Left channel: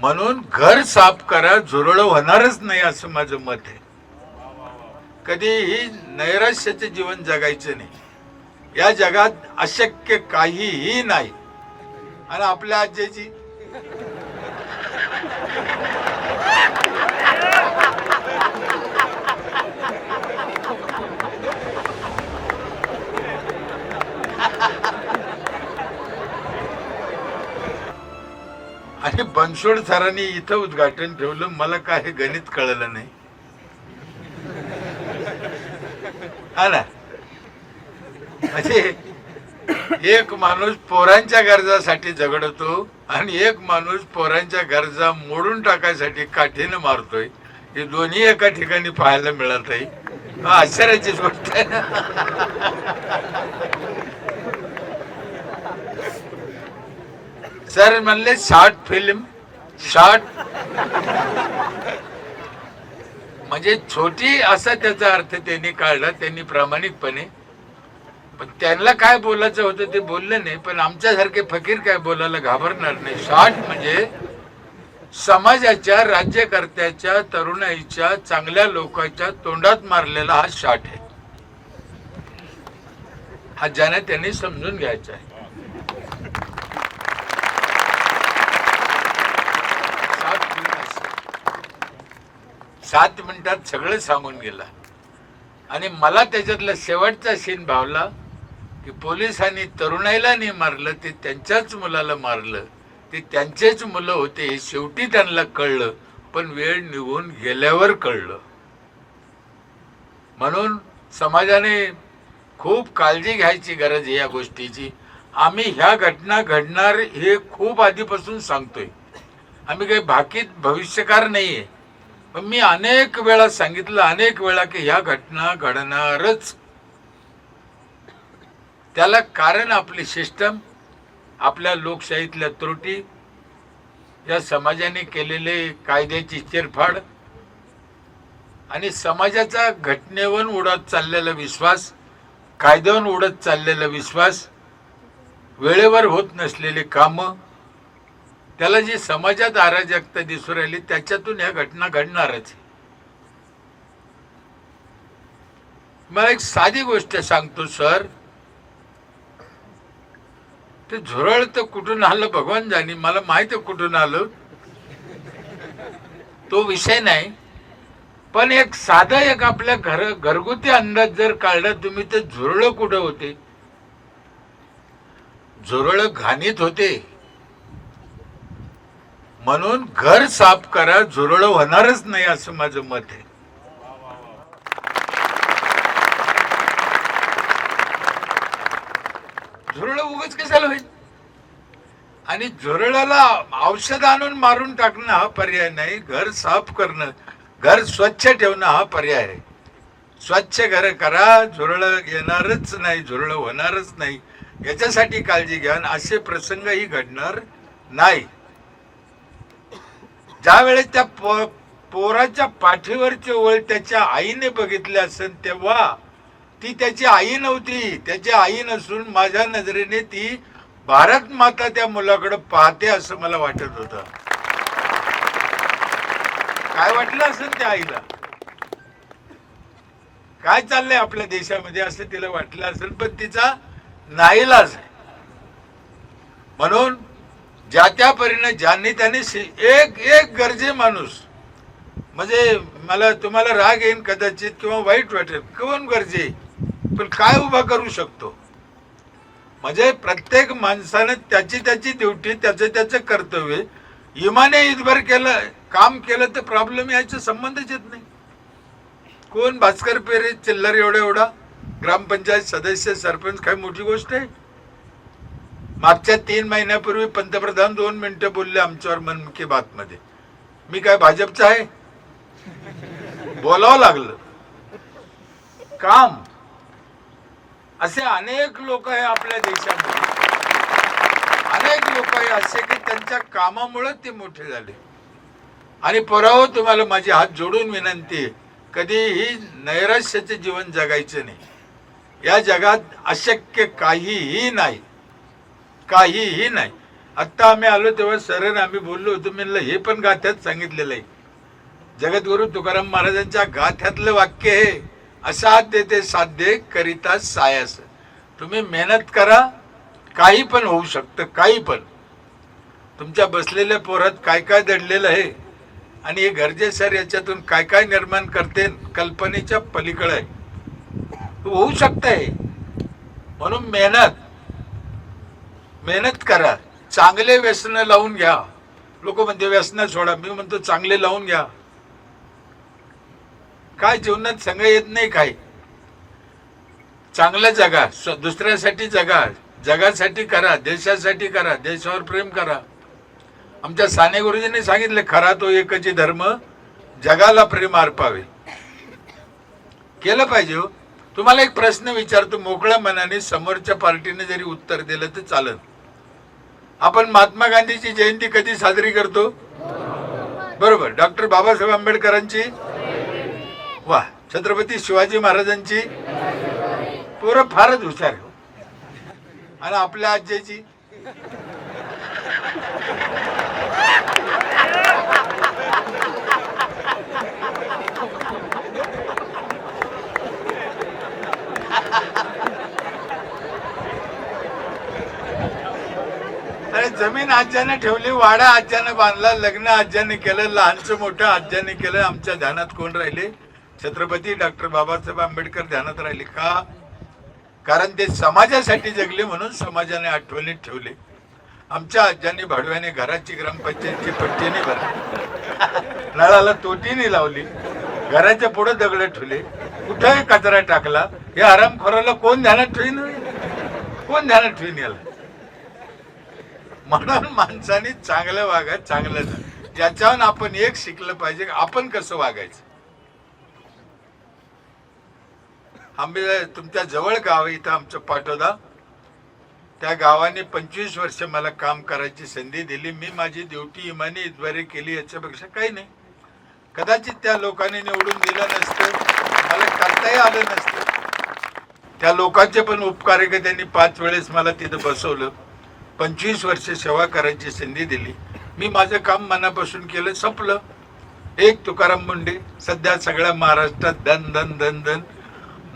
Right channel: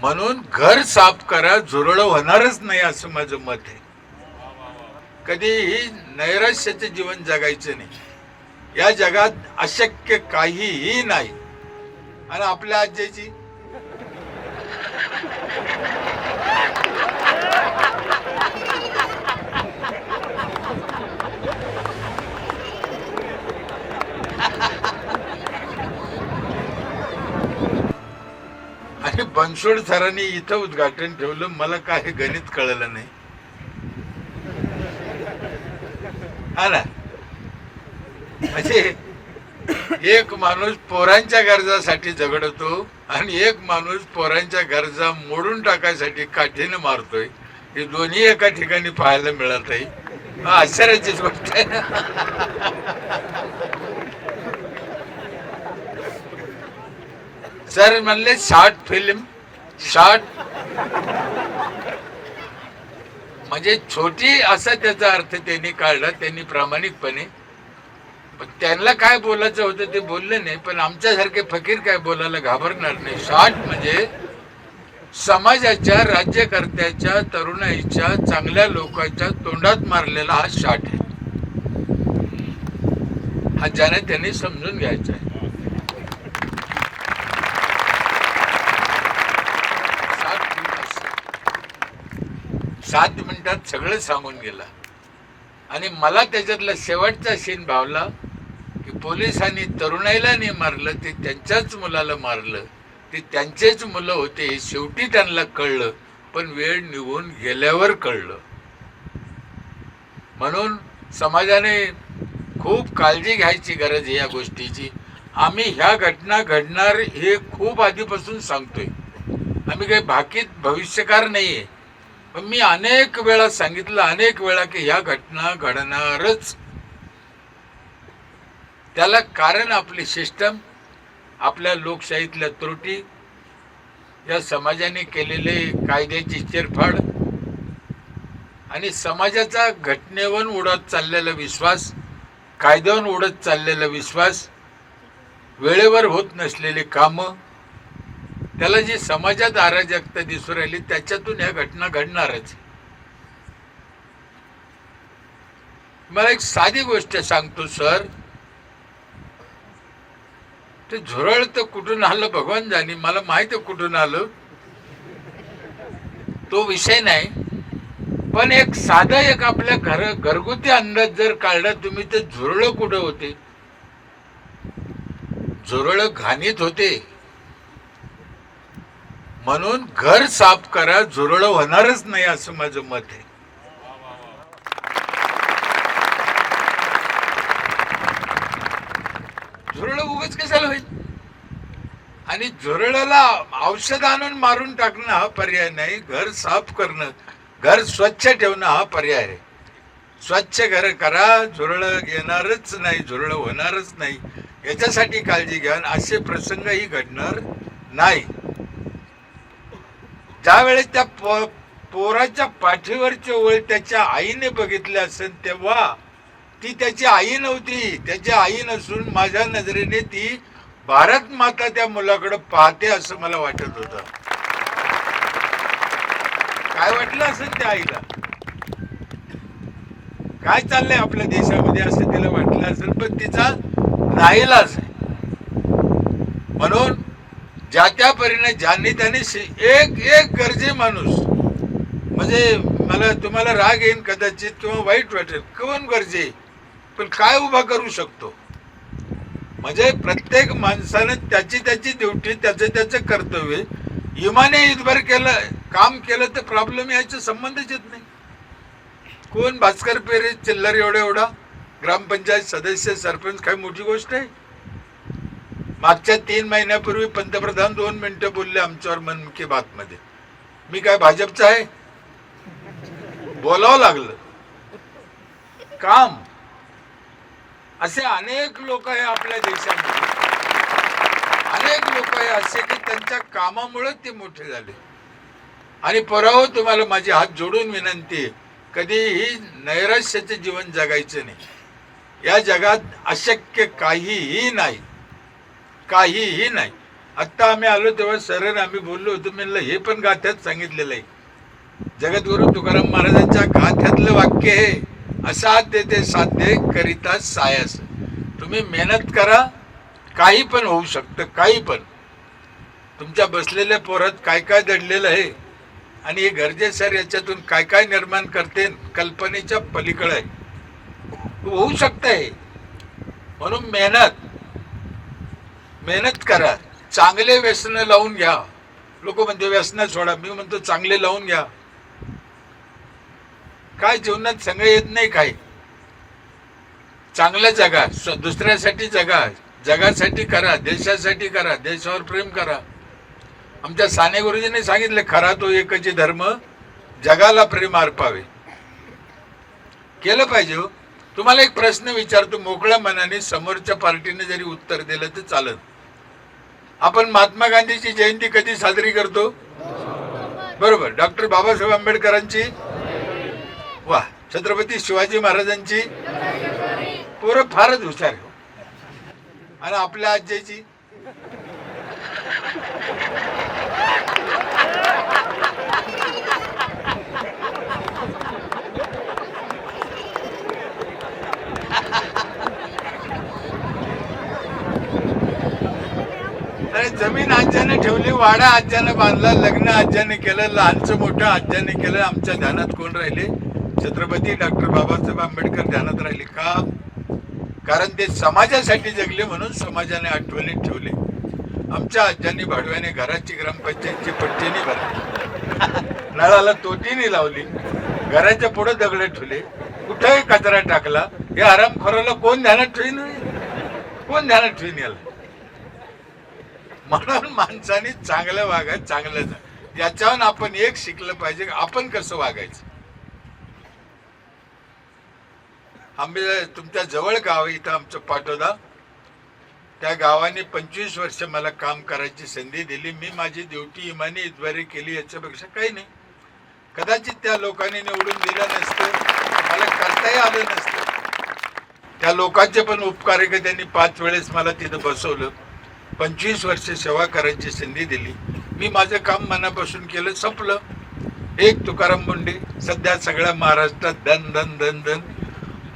म्हणून घर साफ करा, झुरळ होणारच नाही असं माझं मत आहे. कधीही नैराश्याचे जीवन जगायचं नाही. या जगात अशक्य काहीही नाही. आणि आपल्या आजीची आणि बनसोड सरांनी इथं उद्घाटन ठेवलं. मला काय गणित कळलं नाही. हा ना, म्हणजे एक माणूस पोरांच्या गरजासाठी झगडतो आणि एक माणूस पोरांच्या गरजा मोडून टाकायसाठी काठीने मारतोय. हे दोन्ही एका ठिकाणी पाहायला मिळत आहे. आश्चर्याचीच गोष्ट आहे. सर म्हणले शॉर्ट फिल्म, शॉर्ट म्हणजे छोटी असा त्याचा अर्थ त्यांनी काढला, त्यांनी प्रामाणिकपणे. पण त्यांना काय बोलायचं होतं ते बोलले नाही. पण आमच्यासारखे फकीर काय बोलायला घाबरणार नाही. शॉर्ट म्हणजे समाजाच्या, राज्यकर्त्याच्या, तरुणाईच्या, चांगल्या लोकांच्या तोंडात मारलेला हा शॉट आहे. हा ज्याने त्यांनी समजून घ्यायचा आहे. 7 मिनिटात सगळं सांगून गेला. आणि मला त्याच्यातला शेवटचा सीन भावला की पोलिसांनी तरुणाईला नाही मारलं, ते त्यांच्याच मुलाला मारलं. ते त्यांचेच मुलं होते हे शेवटी त्यांना कळलं, पण वेळ निघून गेल्यावर कळलं. म्हणून समाजाने खूप काळजी घ्यायची गरज आहे या गोष्टीची. आम्ही ह्या घटना घडणार हे खूप आधीपासून सांगतोय. आम्ही काही भाकीत भविष्यकार नाहीये. पण मी अनेक वेळा सांगितलं, अनेक वेळा की ह्या घटना घडणारच. त्याला कारण आपली सिस्टम, आपल्या लोकशाहीतल्या त्रुटी, या समाजाने केलेले कायद्याची चिरफाड आणि समाजाचा घटनेवर उडत चाललेला विश्वास, कायद्यावर उडत चाललेला विश्वास, वेळेवर होत नसलेली कामं, त्याला जी समाजात अराजकता दिसू राहिली त्याच्यातून ह्या घटना घडणारच. मला एक साधी गोष्ट सांगतो सर. ते झुरळ तर कुठून आलं भगवान जाणे, मला माहिती आहे कुठून आलं, तो विषय नाही. पण एक साधा एक आपल्या घरगुती अंदाज जर काढला तुम्ही, तर झुरळ कुठं होते? झुरळ घाणीत होते. म्हणून घर साफ करा, झुरळ होणारच नाही असं माझं मत आहे. झुरळ उगाच कशाला होईल? आणि झुरळाला औषध आणून मारून टाकणं हा पर्याय नाही. घर साफ करणं, घर स्वच्छ ठेवणं हा पर्याय आहे. स्वच्छ घर करा, झुरळ येणारच नाही, झुरळ होणारच नाही, याच्यासाठी काळजी घ्या. असे प्रसंगही घडणार नाही. ज्या वेळेस त्या पोराच्या पाठीवरचे ओळ त्याच्या आईने बघितले असेल, तेव्हा ती त्याची आई नव्हती. त्याची आई नसून माझ्या नजरेने ती भारत माता त्या मुलाकडे पाहते असं मला वाटत होतं. काय वाटलं असेल त्या आईला, काय चाललंय आपल्या देशामध्ये असं तिला वाटलं असेल. पण तिचा नाईलाज आहे. म्हणून ज्या त्या परीने ज्यांनी त्यांनी एक एक गरजे माणूस, म्हणजे मला तुम्हाला राग येईल कदाचित किंवा वाईट वाटेल, कोण गरजे पण काय उभा करू शकतो. म्हणजे प्रत्येक माणसानं त्याची त्याची ड्युटी, त्याचं कर्तव्य इमाने इतभर केलं, काम केलं तर प्रॉब्लेम याचा संबंधच येत नाही. कोण भास्कर पेरे चिल्लर एवढा ग्रामपंचायत सदस्य, सरपंच काय मोठी गोष्ट आहे? मागच्या 3 महिन्यापूर्वी पंतप्रधान 2 मिनिटं बोलले आमच्यावर मन की बात मध्ये. मी काय भाजपचा आहे? बोलावं लागलं. काम असे अनेक लोक आहे आपल्या देशामध्ये, अनेक लोक आहे असे की त्यांच्या कामामुळे ते मोठे झाले. आणि पराहो, तुम्हाला माझी हात जोडून विनंती आहे, कधीही नैराश्याचे जीवन जगायचे नाही. या जगात अशक्य काहीही नाही, काहीही नाही. आत्ता आम्ही आलो तेव्हा सर आम्ही बोललो होतो, म्हणलं हे पण गाथ्यात सांगितलेलं आहे. जगद्गुरु तुकाराम महाराजांच्या गाथ्यातलं वाक्य आहे, असा ते साध्य करिता सायास. तुम्ही मेहनत करा, काही पण होऊ शकतं, काही पण. तुमच्या बसलेल्या पोरात काय काय दडलेलं आहे आणि हे गरजे सर याच्यातून काय काय निर्माण करते, कल्पनेच्या पलीकडे आहे, होऊ शकतंय. म्हणून मेहनत करा, चांगले व्यसन लावून घ्या. लोक म्हणते व्यसन सोडा, मी म्हणतो चांगले लावून घ्या. काय जीवनात संग येत नाही, काय चांगलं जगा, दुसऱ्यासाठी जगा, जगासाठी करा, देशासाठी करा, देशावर प्रेम करा. आमच्या साने गुरुजींनी सांगितले, खरा तो एकची धर्म, जगाला प्रेम अर्पावे. केलं पाहिजे हो. तुम्हाला एक प्रश्न विचारतो, मोकळ्या मनाने, समोरच्या पार्टीने जरी उत्तर दिलं तर चालत. आपण महात्मा गांधीची जयंती कधी साजरी करतो? बरोबर. डॉक्टर बाबासाहेब आंबेडकरांची, वा. छत्रपती शिवाजी महाराजांची. पोरं फारच हुशार हो. आणि आपल्या आजीची, जमीन आज्याने ठेवली, वाडा आज्याने बांधला, लग्न आज्याने केलं, लहानचं मोठं आज्याने केलं. आमच्या ध्यानात कोण राहिले? छत्रपती डॉक्टर बाबासाहेब आंबेडकर ध्यानात राहिले. का? कारण ते समाजासाठी जगले, म्हणून समाजाने आठवणीत ठेवले. आमच्या आज्यांनी भाडव्याने घराची ग्रामपंचायतची पट्टीने भरली, नळाला तोटीने लावली, घराच्या पुढे दगड ठेवले, कुठेही कचरा टाकला. या आरामखोराला कोण ध्यानात ठेवीन? कोण ध्यानात ठेवीन याला? म्हणून माणसाने चांगलं वागा, चांगलं जा. याच्यावर आपण एक शिकलं पाहिजे, आपण कसं वागायचं. आम्ही तुमच्या जवळ गाव आहे, इथं आमचं पाटोदा, त्या गावाने 25 वर्ष मला काम करायची संधी दिली. मी माझी ड्युटी इमानीद्वारे केली, याच्यापेक्षा काही नाही. कदाचित त्या लोकांनी निवडून दिलं नसतं, मला करताही आलं नसतं. त्या लोकांचे पण उपकार आहे की त्यांनी 5 वेळेस मला तिथं बसवलं, 25 वर्ष सेवा करायची संधी दिली. मी माझं काम मनापासून केलं, संपलं. एक तुकाराम मुंडे सध्या सगळ्या महाराष्ट्रात धन धन धन धन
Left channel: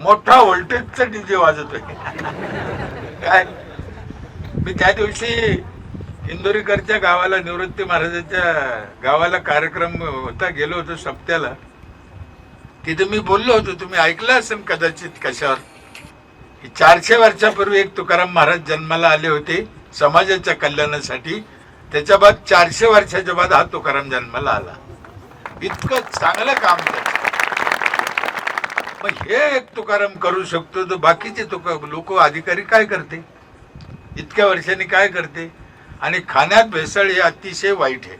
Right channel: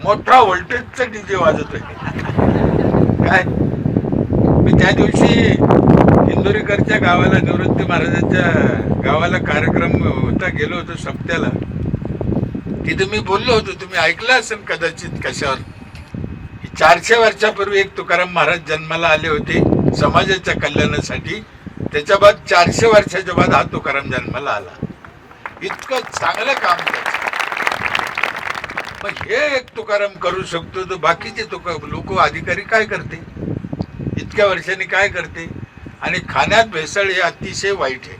मोठा व्होल्टेजचा डीजे वाजतोय. काय मी त्या दिवशी इंदोरीकरच्या गावाला, निवृत्ती महाराजांच्या गावाला कार्यक्रम होता, गेलो होतो सप्त्याला. तिथे मी बोललो होतो, तुम्ही ऐकलं असेल कदाचित कशावर. 400 वर्षापूर्वी एक तुकाराम महाराज जन्माला आले होते समाजाच्या कल्याणासाठी. त्याच्या बाद 400 वर्षाच्या बाद हा तुकाराम जन्माला आला. इतकं चांगलं काम करतो. मग हे एक तुकाराम करू शकतो, तर बाकीचे लोक अधिकारी काय करते, इतक्या वर्षांनी काय करते. आणि खाण्यात भेसळ हे अतिशय वाईट आहे.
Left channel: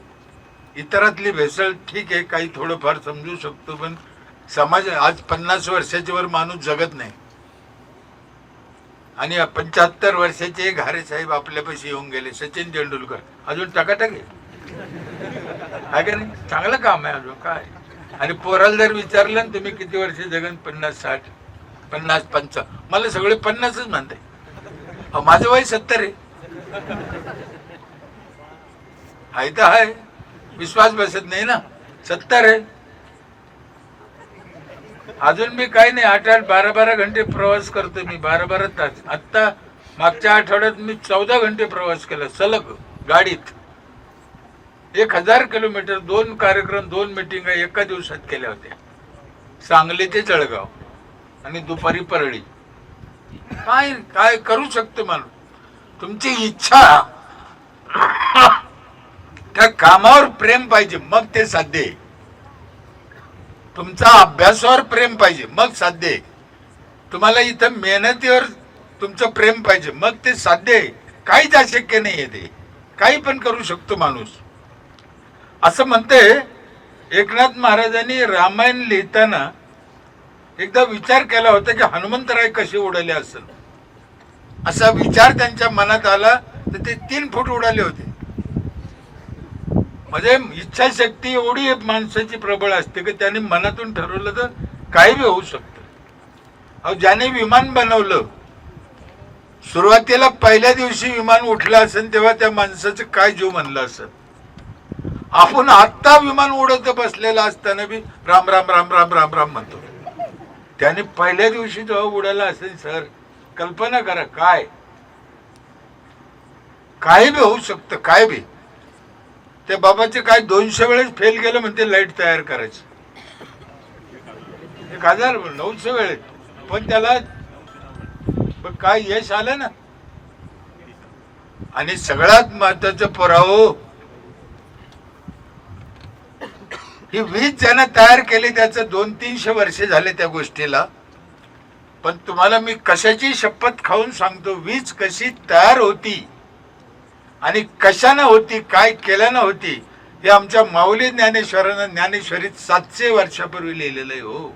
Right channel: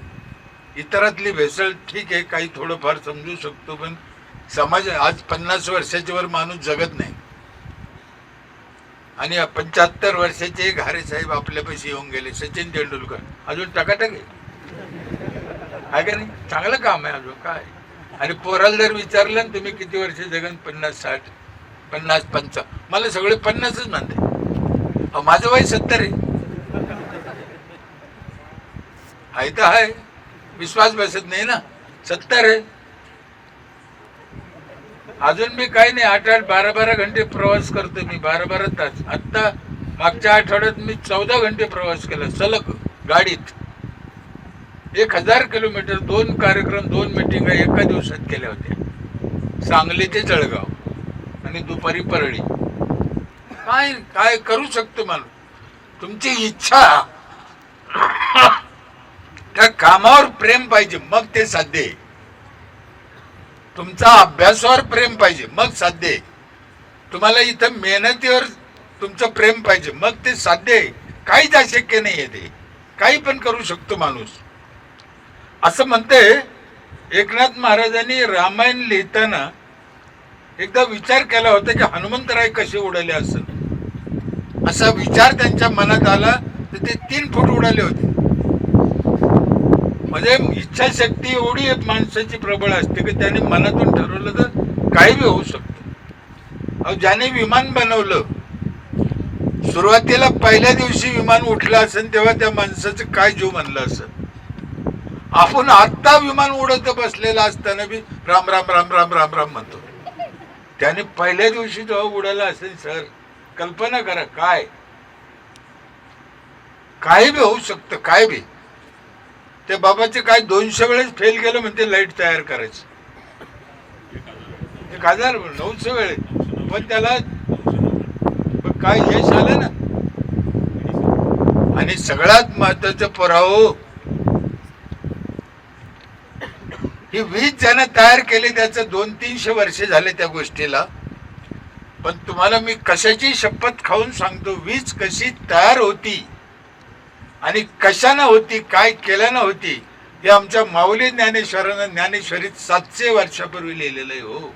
इतरातली भेसळ ठीक आहे, काही थोडंफार समजू शकतो, पण समाज आज 50 वर्षाच्या वर माणूस जगत नाही. आणि 75 वर्षाचे घारे साहेब आपल्यापाशी येऊन गेले, सचिन तेंडुलकर, अजून टकाटक आहे का नाही? चांगलं काम आहे अजून काय. आणि पोराला जर विचारलं ना तुम्ही किती वर्ष जगन, 50, 60, 50, 55, मला सगळे 50च म्हणते. माझं वय 70 आहे. आहे तर आहे, विश्वास बसत नाही ना. 70 आहे अजून. मी काही नाही, 8-8, 12-12 घंटे प्रवास करतो मी, 12-12 तास. आत्ता मागच्या आठवड्यात मी 14 घंटे प्रवास केला सलग गाडीत. 1000 किलोमीटर, 2 कार्यक्रम, 2 मिटिंग एका दिवसात केल्या होत्या. सांगली ते जळगाव आणि दुपारी परळी. काय काय करू शकतो माणूस. तुमची इच्छा, त्या कामावर प्रेम पाहिजे, मग ते साध्य आहे. तुमचा अभ्यासावर प्रेम पाहिजे, मग साध्य आहे. तुम्हाला इथं मेहनतीवर तुमचं प्रेम पाहिजे, मग ते साध्य आहे. काहीच अशक्य नाही आहे. ते काही पण करू शकतो माणूस. असं म्हणते एकनाथ महाराजांनी रामायण लिहिताना एकदा विचार केला होता की हनुमंतराय कसे उडाले असेल. असा विचार त्यांच्या मनात आला तर ते 3 फूट उडाले होते. म्हणजे इच्छाशक्ती एवढी एक माणसाची प्रबळ असते की त्याने मनातून ठरवलं तर काही बी होऊ शकतं. ज्याने विमान बनवलं, सुरुवातीला पहिल्या दिवशी विमान उठलं असेल तेव्हा त्या माणसाचं काय जीव म्हणलं असेल. आपण आत्ता विमान उडत बसलेला असताना बी राम राम राम राम राम राम म्हणतो. त्याने पहिल्या दिवशी जेव्हा उडाला असेल सर, कल्पना करा काय बी होऊ शकतं. काय बी त्या बाबाचे काय 200 वेळेस फेल गेलं म्हणते लाईट तयार करायची, 1900 वेळेस, पण त्याला काय यश आलं ना. आणि सगळ्यात महत्वाचं पुरावं, ही वीज ज्यानं तयार केली त्याचं 200-300 वर्ष झाले त्या गोष्टीला. पण तुम्हाला मी कशाची शपथ खाऊन सांगतो, वीज कशी तयार होती आणि कशानं होती, काय केल्यानं होती, हे आमच्या माऊली ज्ञानेश्वरानं ज्ञानेश्वरीत 700 वर्षापूर्वी लिहिलेलं आहे हो.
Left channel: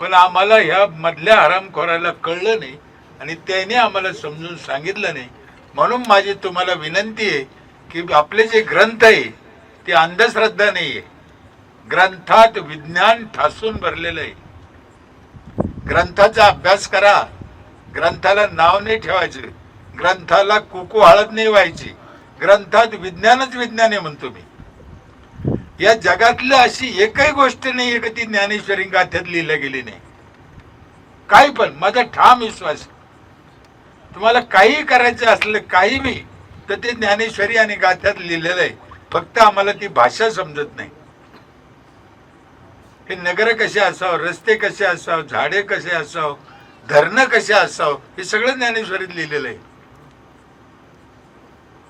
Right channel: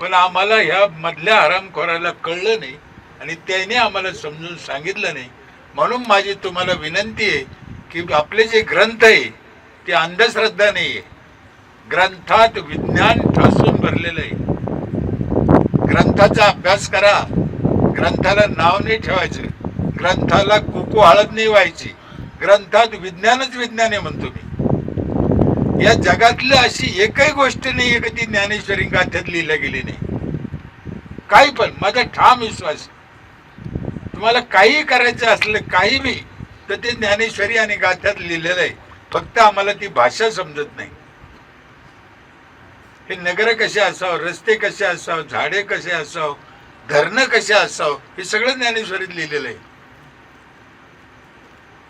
पण आम्हाला ह्या मधल्या हरामखोराला कळलं नाही आणि त्याने आम्हाला समजून सांगितलं नाही. म्हणून माझी तुम्हाला विनंती आहे की आपले जे ग्रंथ आहे ते अंधश्रद्धा नाही आहे. ग्रंथात विज्ञान ठासून भरलेलं आहे. ग्रंथाचा अभ्यास करा. ग्रंथाला नाव नाही ठेवायचं, ग्रंथाला कुकू हळद नाही व्हायची. ग्रंथात विज्ञानच विज्ञान आहे म्हणतो मी. या जगातलं अशी एकही गोष्ट नाही की ती ज्ञानेश्वरी गाथ्यात लिहिल्या गेली नाही. काही पण माझा ठाम विश्वास, तुम्हाला काही करायचं असलं काही बी तर ते ज्ञानेश्वरी आणि गाथ्यात लिहिलेलं आहे. फक्त आम्हाला ती भाषा समजत नाही. हे नगर कसे असावं, रस्ते कसे असावं, झाडे कसे असावं, धरणं कसे असावं, हे सगळं ज्ञानेश्वरीत लिहिलेलं आहे.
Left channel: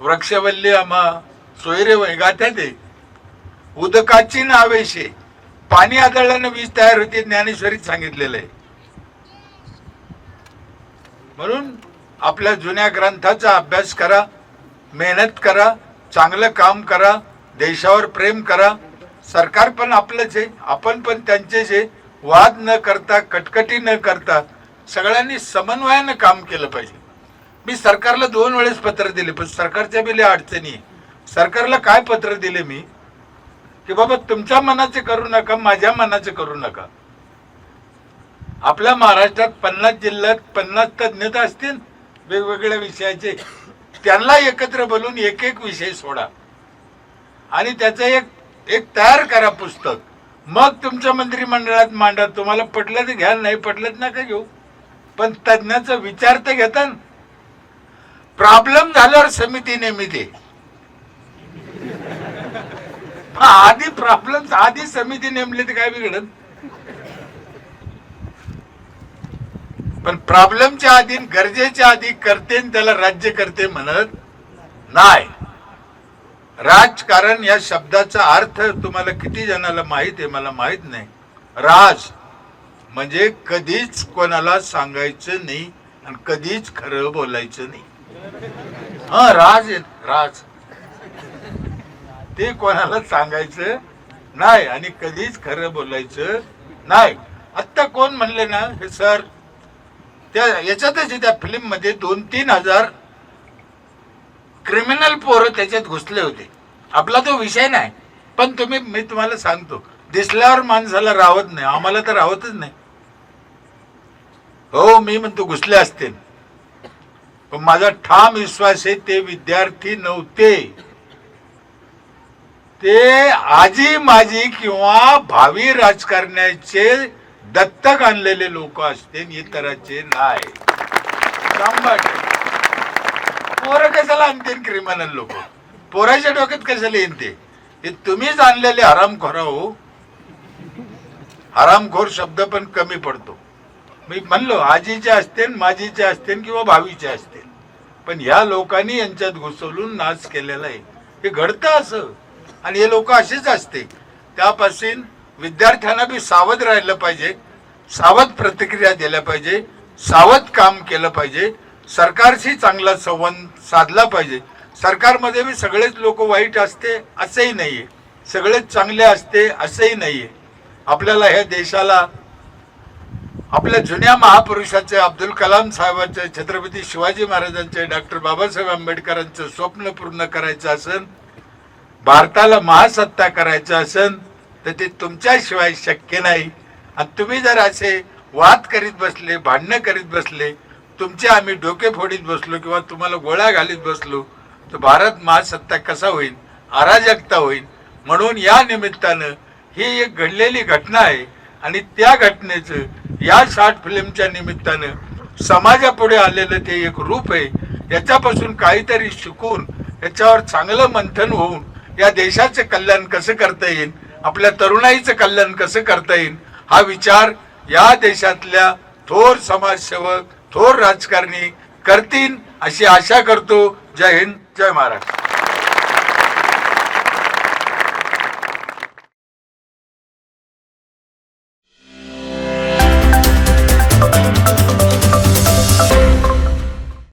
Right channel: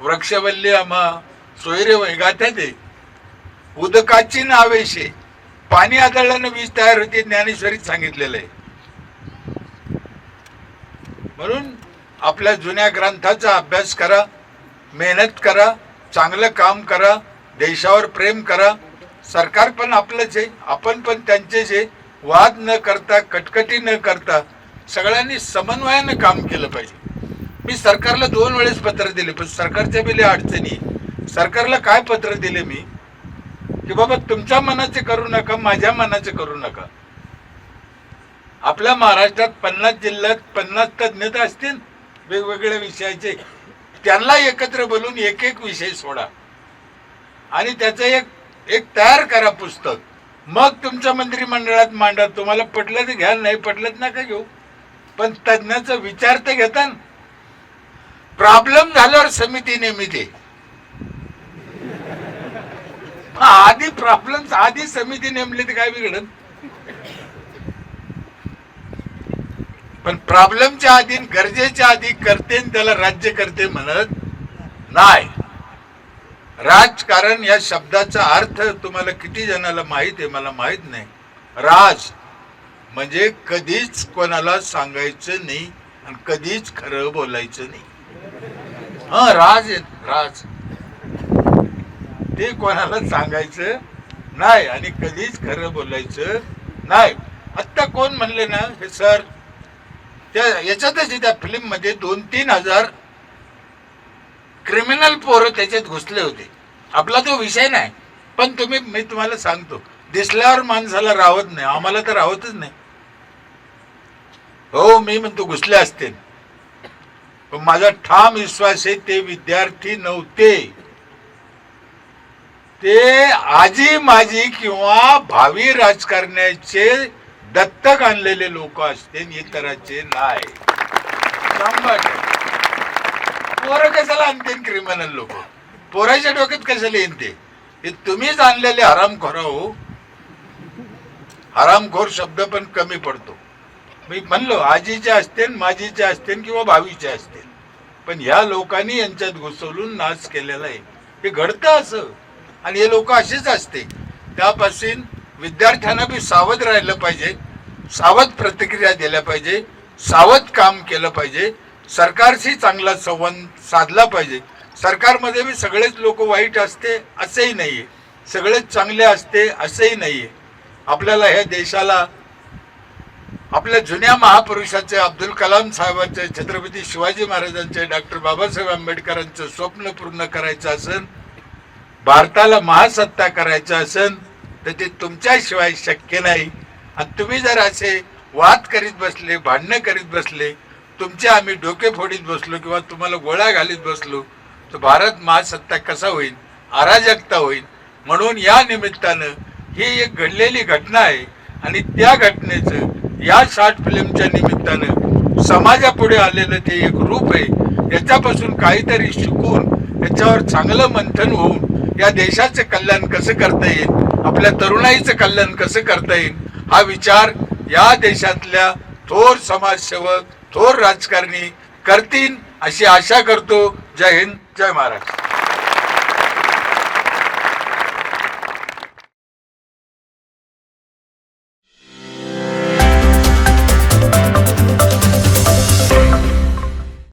वृक्षवल्ली आम्हा सोयरे गाथ्यात आहे. उदकाची नावेशे, पाणी आदळल्यानं वीज तयार होते, ज्ञानेश्वरीत सांगितलेलं आहे. म्हणून आपल्या जुन्या ग्रंथाचा अभ्यास करा, मेहनत करा, चांगलं काम करा, देशावर प्रेम करा. सरकार पण आपलंच आहे, आपण पण त्यांचेच आहे. वाद न करता, कटकटी न करता सगळ्यांनी समन्वयानं काम केलं पाहिजे. मी सरकारला 2 वेळेस पत्र दिले, पण सरकारच्या बी लय अडचणी. सरकारला काय पत्र दिले मी की बाबा तुमच्या मनाचे करू नका, माझ्या मनाचे करू नका. आपल्या महाराष्ट्रात 50 जिल्ह्यात 50 तज्ञ असतील वेगवेगळ्या विषयाचे, त्यांना एकत्र बोलून एक एक विषय सोडा आणि त्याचं एक तयार करा पुस्तक. मग तुमच्या मंत्रिमंडळात मांडा. तुम्हाला पटलं तर घ्या, नाही पटलं नका घेऊ, पण तज्ञाचा विचार तर घेता. प्रॉब्लेम झाल्यावर समिती नेमिते, आधी प्रॉब्लेम आधी समिती नेमली तर काय बिघडत. पण प्रॉब्लेमच्या आधी, गरजेच्या आधी करते त्याला राज्य करते म्हणत नाही. राजकारण या शब्दाचा अर्थ तुम्हाला किती जणाला माहित आहे मला माहित नाही. राज म्हणजे कधीच कोणाला सांगायचं नाही आणि कधीच खरं बोलायचं नाही. राज ते कोणाला सांगायचं नाही आणि कधीच खरं बोलायचं नाही. आत्ता कोण म्हणले ना हे सर, त्या याच्यातच त्या फिल्म मध्ये 2-3 हजार क्रिमिनल पोरं त्याच्यात घुसले होते. आपला तो विषय नाही, पण मी तुम्हाला सांगतो, दिसल्यावर माणसाला राहत नाही. आम्हाला तर राहतच नाही हो. मी म्हणतो घुसले असते, पण माझा ठाम विश्वास आहे ते विद्यार्थी नव्हते, ते आजी माजी किंवा भावी राजकारण्याचे दत्तक आणलेले लोक असते, इतरांचे नाही. पोरं कशाला आणते क्रिमिनल लोक, पोराच्या डोक्यात कशाला येते. हे तुम्हीच आणलेले हरामखोर हो. हरामखोर शब्द पण कमी पडतो. मी म्हणलो आजीचे असतील, माजीचे असतील किंवा भावीचे असतील, पण ह्या लोकांनी यांच्यात घुसवून नाश केलेला आहे. हे घडतं असं आणि हे लोक असेच असते. त्यापासून विद्यार्थ्यांना बी सावध राहिलं पाहिजे, सावध प्रतिक्रिया दिल्या पाहिजे, सावध काम केलं पाहिजे, सरकारशी चांगला संवाद साधला पाहिजे. सरकारमध्ये बी सगळेच लोक वाईट असते असंही नाहीये, सगळेच चांगले असते असंही नाहीये. आपल्याला ह्या देशाला आपल्या जुन्या महापुरुषाचे अब्दुल कलाम साहेबांचे, छत्रपती शिवाजी महाराजांचे, डॉक्टर बाबासाहेब आंबेडकरांचं स्वप्न पूर्ण करायचं असेल, भारताला महासत्ता करायचं असेल तर ते तुमच्याशिवाय शक्य नाही. आणि तुम्ही जर असे वाद करीत बसले, भांडणं करीत बसले, तुमचे आम्ही डोके फोडीत बसलो किंवा तुम्हाला गोळ्या घालीत बसलो तर भारत महासत्ता कसा होईल, अराजकता होईल. म्हणून या निमित्तानं ही एक घडलेली घटना आहे आणि त्या घटनेचं या शॉर्ट फिल्मच्या निमित्तानं समाजापुढे आलेलं ते एक रूप आहे. याच्यापासून काहीतरी शिकून याच्यावर चांगलं मंथन होऊन या देशाचं कल्याण कसं करता येईल, आपल्या तरुणाईचं कल्याण कसं करता येईल हा विचार या देशातल्या थोर समाजसेवक, थोर राजकारणी करतील अशी आशा करतो. जय हिंद, जय महाराष्ट्र.